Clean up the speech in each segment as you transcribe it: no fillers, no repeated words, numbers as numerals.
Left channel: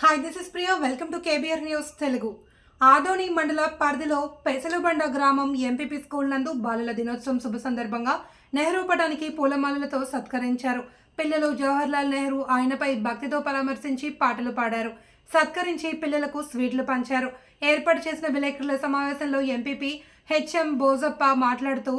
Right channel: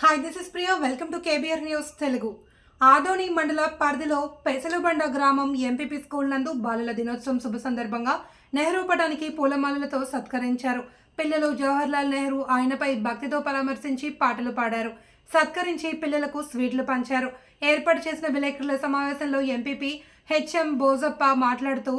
Hi, this is Priya. Welcome to KBR news Telugu. Adoni మండల పరిధిలో పెసలుబండ గ్రామం ఎంపీపీ స్కూల్ నందు బాలల దినోత్సవం శుభ సందర్భంగా నెహ్రూ పటానికి పూలమాలలతో సత్కరించారు. పిల్లలు జవహర్లాల్ నెహ్రూ ఆయనపై భక్తితో పరామర్శించి పాటలు పాడారు. సత్కరించి పిల్లలకు స్వీట్లు పంచారు. ఏర్పాటు చేసిన విలేకరుల సమావేశంలో ఎంపీపీ హెచ్ఎం బోజప్ప మాట్లాడుతూ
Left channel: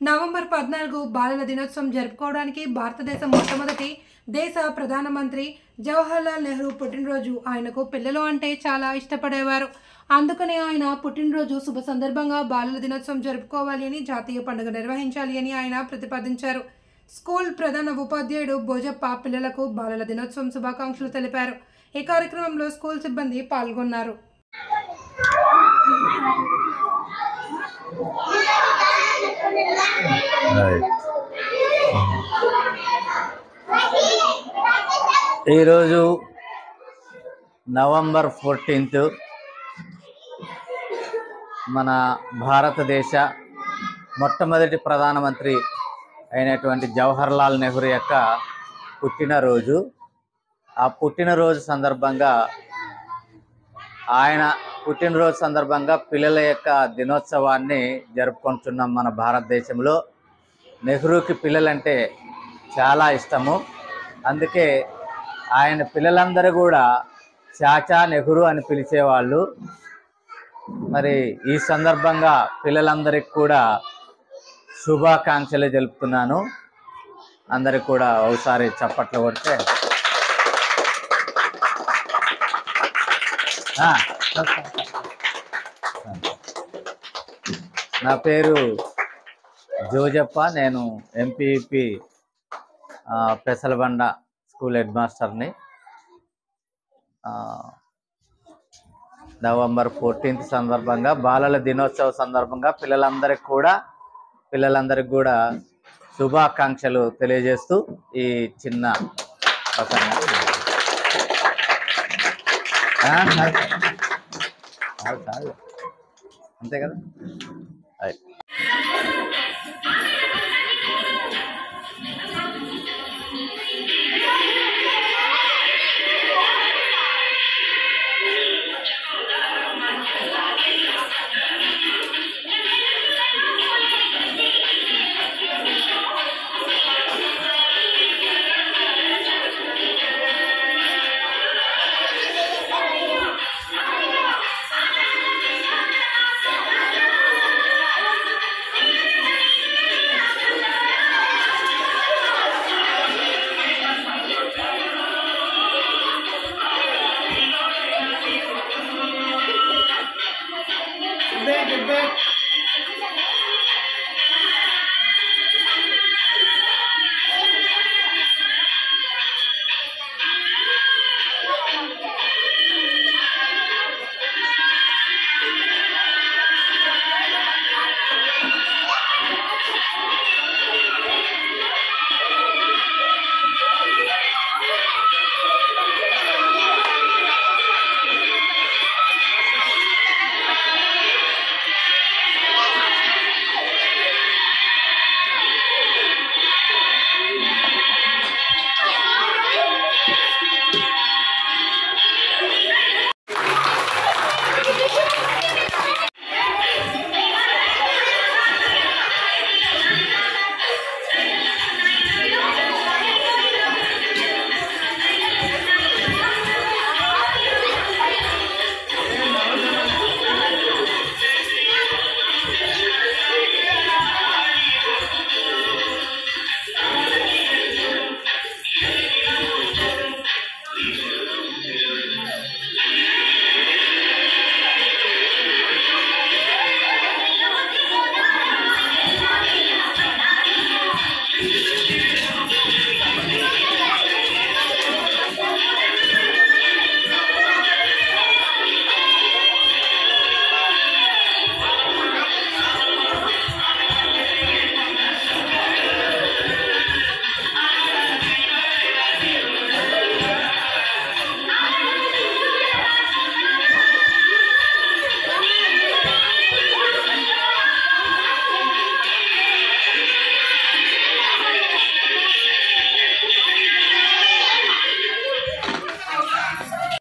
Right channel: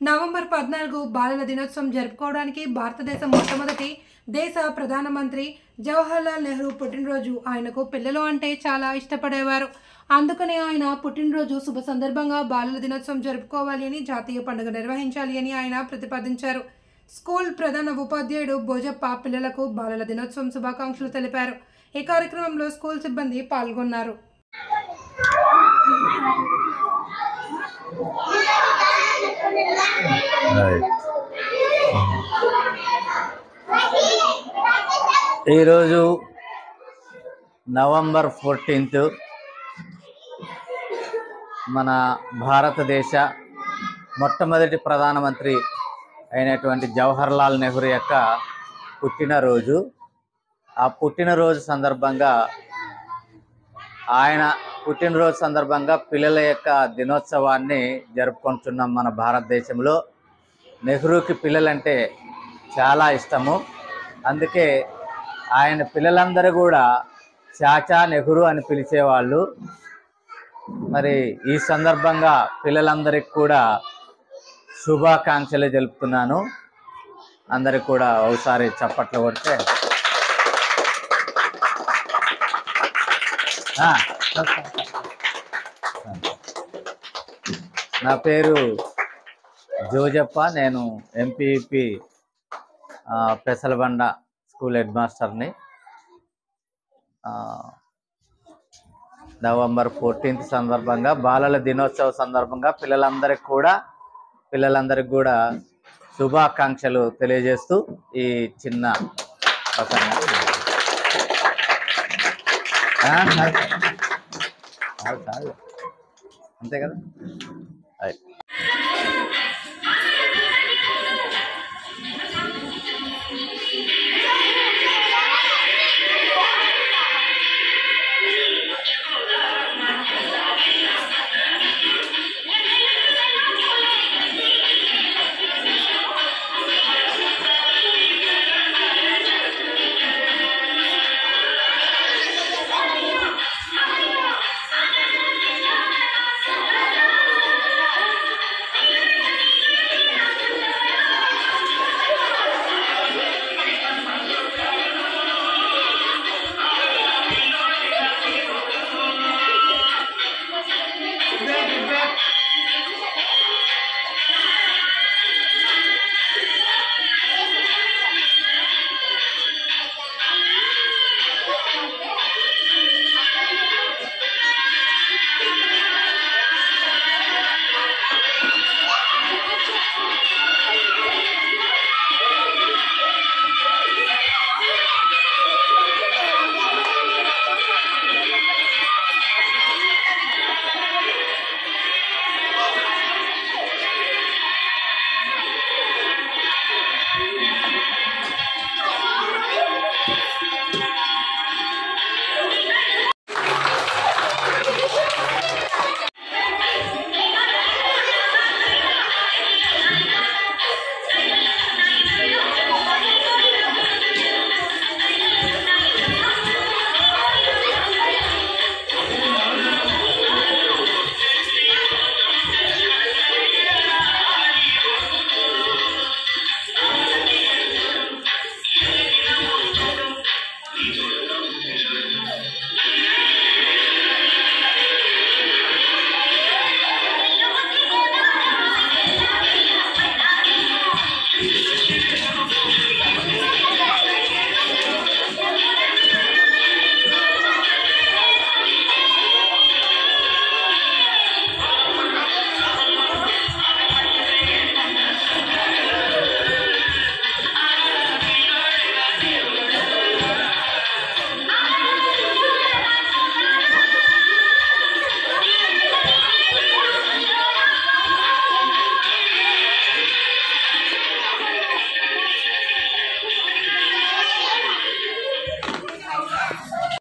నవంబర్ 14 బాలల దినోత్సవం జరుపుకోవడానికి భారతదేశం మొట్టమొదటి దేశ ప్రధానమంత్రి జవహర్లాల్ నెహ్రూ పుట్టినరోజు. ఆయనకు పిల్లలు అంటే చాలా ఇష్టపడేవారు. అందుకనే ఆయన పుట్టినరోజు శుభ సందర్భంగా బాలల దినోత్సవం జరుపుకోవాలి అని, జాతీయ పండుగ నిర్వహించాలి అని ఆయన ప్రతిపాదించారు. స్కూల్ ప్రధాన ఉపాధ్యాయుడు భోజప్ప పిల్లలకు బాలల దినోత్సవం శుభాకాంక్షలు తెలిపారు. ఈ కార్యక్రమంలో స్కూల్ సిబ్బంది పాల్గొన్నారు. ఈరోజు నవంబర్ 14 మన భారతదేశ మొట్టమొదటి ప్రధానమంత్రి అయినటువంటి జవహర్లాల్ నెహ్రూ యొక్క పుట్టినరోజు. ఆ పుట్టినరోజు సందర్భంగా పిల్లల యొక్క దినోత్సవాన్ని జరుపుకుంటున్నాం. మన భారతదేశంలో నెహ్రూకి పిల్లలంటే చాలా ఇష్టము. అందుకే ఆయన పిల్లలందరూ కూడా చాచా నెహ్రూ అని పిలిచేవాళ్ళు. మరి ఈ సందర్భంగా పిల్లలందరికీ కూడా శుభాకాంక్షలు తెలుపుతున్నాను. అందరికి కూడా ఒకసారి చప్పట్లు కొడితే నా పేరు జోజప్ప. నేను ఎంపీపీ పెసలబండ స్కూల్ హెడ్ మాస్టర్ని. నవంబర్ 14 సందర్భంగా బాలల దినోత్సవ సందర్భంగా పిల్లలందరికీ కూడా శుభాకాంక్షలు తెలియజేస్తూ ఈ చిన్న అంతే కదా.